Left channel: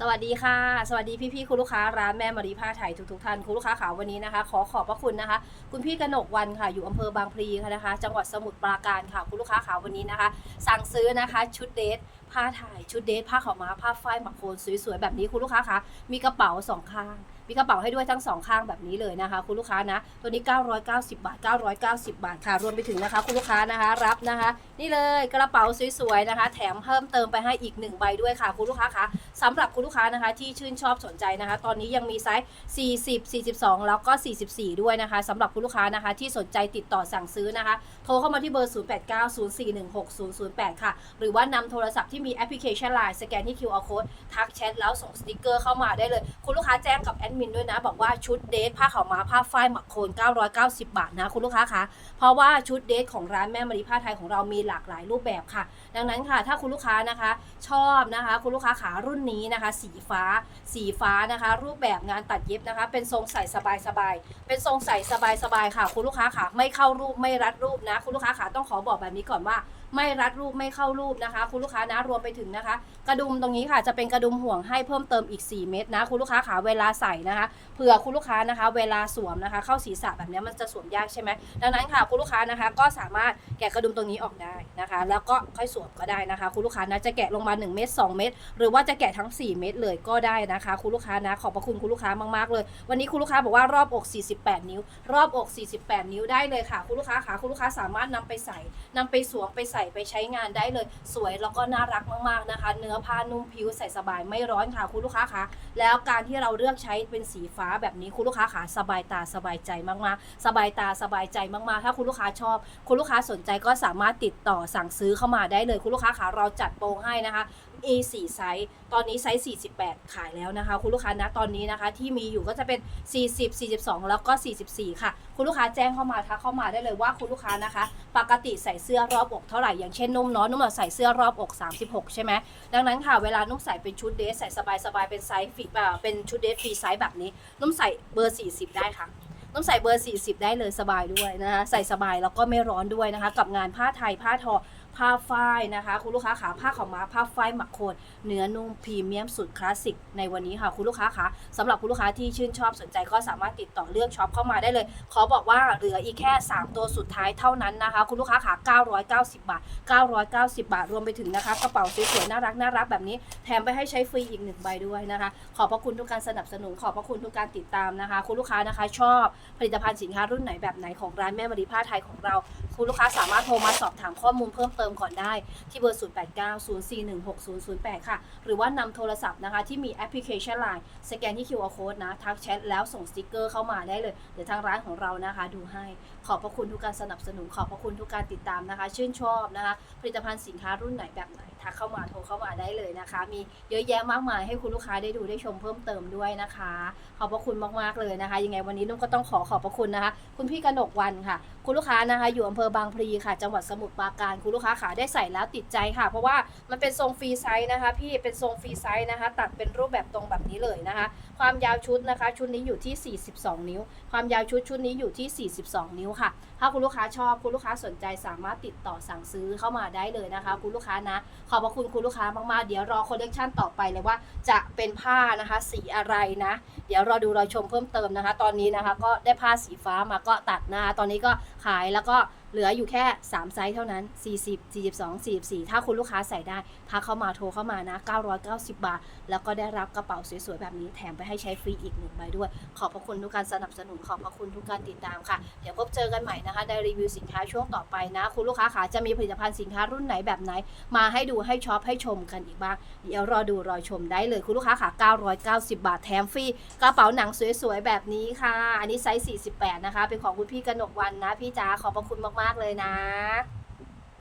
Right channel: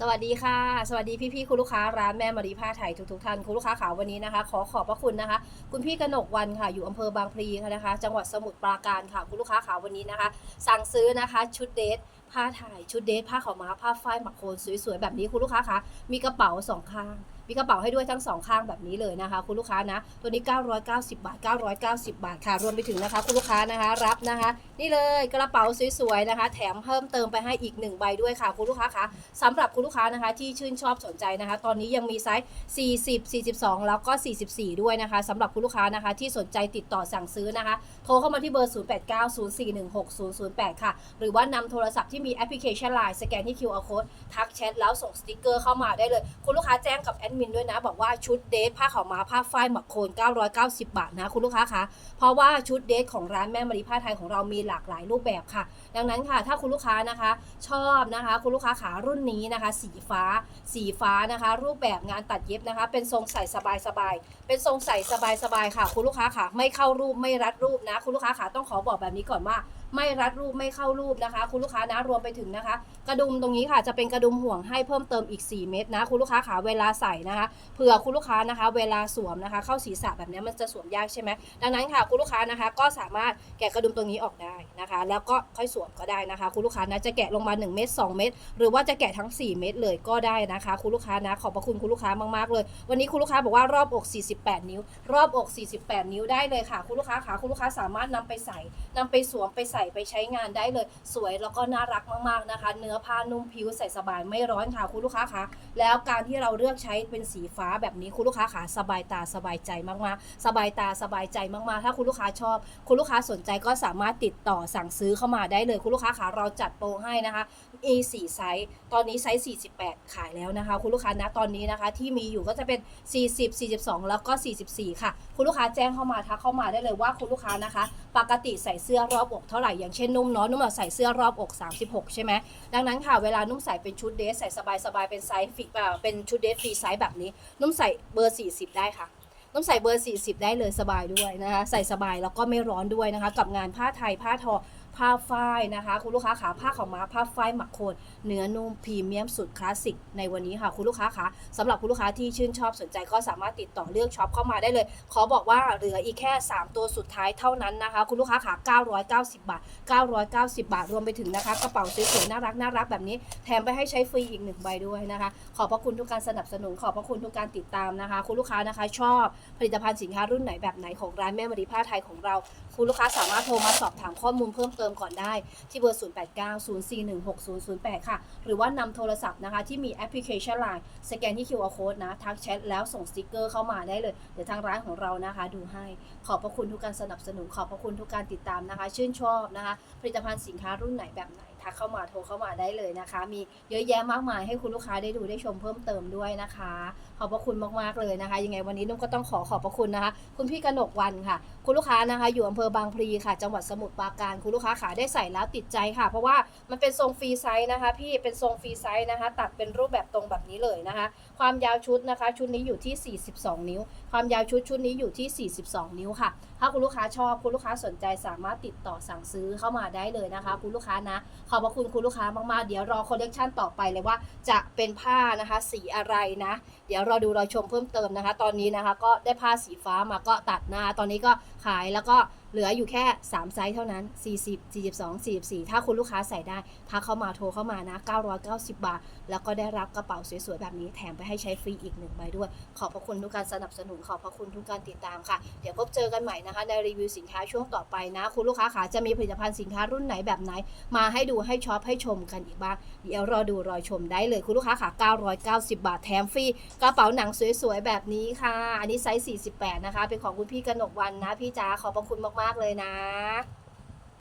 สวัสดีค่ะ สวัสดีพี่ๆคุณลูกค้าร้านแม่มารีผ้าไทยทุกๆท่านคุณลูกค้าขาวันนี้นะคะ ขอขอบพระคุณนะคะ คุณพี่กนกวันค่ะอยู่อำเภอบางพลีค่ะนะคะ จังหวัดสมุทรปราการค่ะคุณลูกค้าขาวันนี้นะคะ สั่งซื้อนะคะชุดเดทผ้าถ่ายชุดเดทผ้าขาวม้าผ้าฝ้ายหมักโคนสวยๆแบบนี้คุณลูกค้าคะมีกระเป๋าสองข้างมีกระเป๋าให้ด้วยทั้งสองข้างแบบนี้เลยนะคะ คุณลูกค้านะ ตัวนี้ 990 บาท 990 บาทค่ะรวมไปถึงนะคะ คุณลูกค้านะคะรับนะคะ นี่เลยกระเป๋าสวยๆนะคะ แถมเพิ่มเติมไปให้อีกหนึ่งใบด้วยค่ะ คุณลูกค้าคะสำหรับคุณลูกค้านะคะ ที่ชื่นชอบสนใจนะคะ ตอนนี้ยังมีไซส์ 40 42 แล้วก็ 44 ด้วยนะคะสำหรับคุณลูกค้านะคะ ที่สนใจติดต่อสั่งซื้อนะคะ โทรเข้ามาที่เบอร์ 0890416008 ค่ะ หรือว่านำโทรศัพท์ที่มีแอปพลิเคชัน Line สแกนที่ QR code ทักแชทแล้วส่งสติกเกอร์เข้ามาได้เลย คุณลูกค้าแจ้งกับแอดมินด้วยนะ บอกว่าชุดเดทผ้าขาวม้าผ้าฝ้ายหมักโคน 990 บาทนะคุณลูกค้าคะเพราะว่าชุดเดทของร้านแม่มารีผ้าไทยของเรามีหลากหลายรูปแบบค่ะ ดังนั้นค่ะ ถ้าคุณลูกค้านะคะชอบนะคะ คุณลูกค้าขารุ่นนี้นะคะ สีฟ้า สีฟ้านะคะ รูปแบบงานตัดเย็บนะคะ เป็นทรงใส่สบายๆเป็นทรงใส่สบายๆค่ะ คุณลูกค้าขาไม่เข้ารูปไม่รัดรูปนะ คุณลูกค้าขาต้องขอบอกแบบนี้ก่อนว่าไม่รัดรูปไม่เข้ารูปนะคะ คุณลูกค้านะรวมไปถึงนะคะ กระดุมตรงนี้ค่ะจะเป็นกระดุมห่วงให้เพิ่มเติมอีก 4 เม็ดนะ คุณลูกค้าขาเวลาใส่นะคะเผื่อคุณลูกค้านะคะ เวลาสวมนะคะ เข้าศีรษะแบบนี้มันจะสวมยากใช่ไหมดังนั้นค่ะคุณลูกค้านะคะ ก็สามารถแกะกระดุมตรงนี้ออกได้นะคะ แล้วก็ค่อยสวมก็ได้นะคะ คุณลูกค้านะจะแกะลงมา 1 เม็ด2เม็ดหรือว่าจะแกะทั้ง 4 เม็ดเลยก็ได้นะคะ คุณลูกค้านะขอบพระคุณคุณลูกค้ามากๆเลย วันนี้คุณลูกค้าบอกว่ารอบอก 48 นิ้ว รอบอก 48 นิ้วได้เลยค่ะ คุณลูกค้าขาคุณลูกค้าสามารถนำไปใส่นำไปสวมไปใส่ไปใช้งานได้เลย สวยแล้วก็น่ารักมากๆนะคะ เนื้อผ้านุ่มผิวใส่สบายไม่ร้อนค่ะ คุณลูกค้าคะแล้วการที่เราเลือกใช้เป็นสีฟ้าแบบนี้คุณลูกค้าขาสบายตาสบายใจมากๆ สบายตาสบายใจมากๆ ถ้าคุณลูกค้าชอบ คุณลูกค้าสนใจก็สามารถติดต่อสั่งซื้อเข้ามาได้เลยคุณลูกค้าขาเราจัดโปรให้นะคะ A4 ไซส์ตอนนี้ไซส์ 48 ขายแล้วนะคะ คุณลูกค้านะตอนนี้นะคะที่มีอยู่ก็จะเป็น 40 42 แล้วก็ 44 ค่ะ คุณลูกค้าแจ้งเข้ามาทักเข้ามาได้เลยว่าคุณลูกค้านะคะ ปกติใส่เสื้อรอบอกเท่าไหร่อย่างเช่นนุ่มเนาะนุ่มใส่เสื้อรอบอก 36 ใช่ไหมดังนั้นค่ะเวลานุ่มใส่เป็นชุดเดรสใส่สบายๆเป็นไซส์ฟิอ่าเป็นชุดเดรสฟรีไซส์แบบนี้ นุ่มใส่เบอร์ 40 ได้ค่ะนุ่มใส่เบอร์ 40 ได้เลยสบายด้วยนะคะ ใส่สบายแล้วก็ไม่ร้อนด้วยนะคะ กับงานผ้าไทยผ้าทอ ผ้าฝ้ายนะคะ คุณลูกค้าขาผ้าขาวม้าผ้าฝ้ายหมักโคนเนื้อนุ่มพรีเมียมสุดคลาสสิกในวันนี้ค่ะคุณลูกค้าคะสำหรับคุณลูกค้าที่ชื่นชอบสนใจก็สามารถติดต่อเลือกช็อปเข้ามาได้เลย ขอบอกว่าเหลืออีกแค่ 3 ตัวสุดท้ายเท่านั้นนะคะ คุณลูกค้าขา990 บาท 990 บาทรวมไปถึงนะคะกระเป๋าสวยๆน่ารักน่ารักแบบนี้แถมไปให้ใช้ฟรีอีกหนึ่งใบด้วยนะคะ ขอบพระคุณทุกการสนับสนุนขอบพระคุณทุกการติดตามนะคะ คุณลูกค้านะคะชอบผลิตภัณฑ์สินค้ารุ่นไหนแบบไหนของร้านแม่มารีผ้าไทยของเรา คุณลูกค้าสามารถโทรมาสอบถามข้อมูลเพิ่มเติมติมก่อนได้ที่เบอร์ 0890416008 ค่ะ หรือว่านำโทรศัพท์นะคะ ที่มีแอปพลิเคชัน Line สแกนที่ QR code นะ ทักแชทแล้วส่งสติกเกอร์เข้ามาได้เลย เดี๋ยวทางร้านของเรานะคะ ดูให้ ขอบพระคุณทุกการสนับสนุน ขอบพระคุณทุกการติดตามนะคะ ชื่นชอบนะคะ ผลิตภัณฑ์สินค้ารุ่นไหนแบบไหน ทักเข้ามาโทรเข้ามาได้เลยนะคะ มีเยอะแยะมากมายให้คุณลูกค้าได้ดูได้ชมเพิ่มเติมด้วยนะคะ ขอบพระคุณมากๆเลยนะคะ ยังไงวันนี้นุ่มก็ต้องขอขอบพระคุณนะคะ คุณพี่กนกวันค่ะ คุณลูกค้านะคะอยู่อำเภอบางพลีค่ะ จังหวัดสมุทรปราการคุณลูกค้าขาได้ใส่แล้วติดใจค่ะ เพราะว่ามันเป็นทรงฟรีไซส์นะคะ พี่เป็นทรงฟรีไซส์นะคะ ตัดเป็นรูปแบบตรงแบบนี้เลยนะคะ ความยาวชุดนะคะ ชุดนี้อยู่ที่ 42 นิ้ว ความยาวชุดชุดนี้อยู่ที่ 42 นิ้วค่ะ ถ้าคุณลูกค้าชอบคุณลูกค้าสนใจสามารถติดต่อสั่งซื้อเข้ามาได้เลยนะคะ คุณลูกค้านะขอบพระคุณคุณลูกค้ามากๆ เดี๋ยวรอคอลเลกชันต่อไปเลยว่าจะเป็นผ้านะคะสีอะไรนะ เดี๋ยวเราดูเราชมเพิ่มเติมนะคะ ตอนนี้นะคะ ก็ได้ผ้าสีฟ้ามาก็ตัดนะคะตอนนี้ก็ขายแล้วก็ เหลืออยู่แค่ 3 ไซส์เท่านั้น 40 42 44 ถ้าคุณลูกค้าใส่ได้ทักเข้ามาโทรเข้ามานะ 990 บาท แล้วก็ได้รับกระเป๋าสวยๆ แบบนี้แถมไปให้ใช้ฟรีอีกหนึ่งใบด้วย ขอบพระคุณทุกการสนับสนุน ขอบพระคุณทุกการติดตามค่ะ เดี๋ยวพบเจอกันใหม่นะคะในรีวิวสินค้าช่วงต่อไปนะ คุณลูกค้าขาจะมีผลิตภัณฑ์สินค้ารุ่นไหนแบบไหน มาให้ดูให้ช็อปให้ชมกันอีกบ้าง เดี๋ยวรอดูรอชมได้เลยคุณลูกค้าขา990 บาทแถมฟรีกระเป๋าหนังสวยๆแบบนี้ค่ะ อันนี้ไซส์ 48 นะคะ เป็นของคุณพี่กนกวันนะพี่จ๋าขอบพระคุณมาก ๆ เลยนะ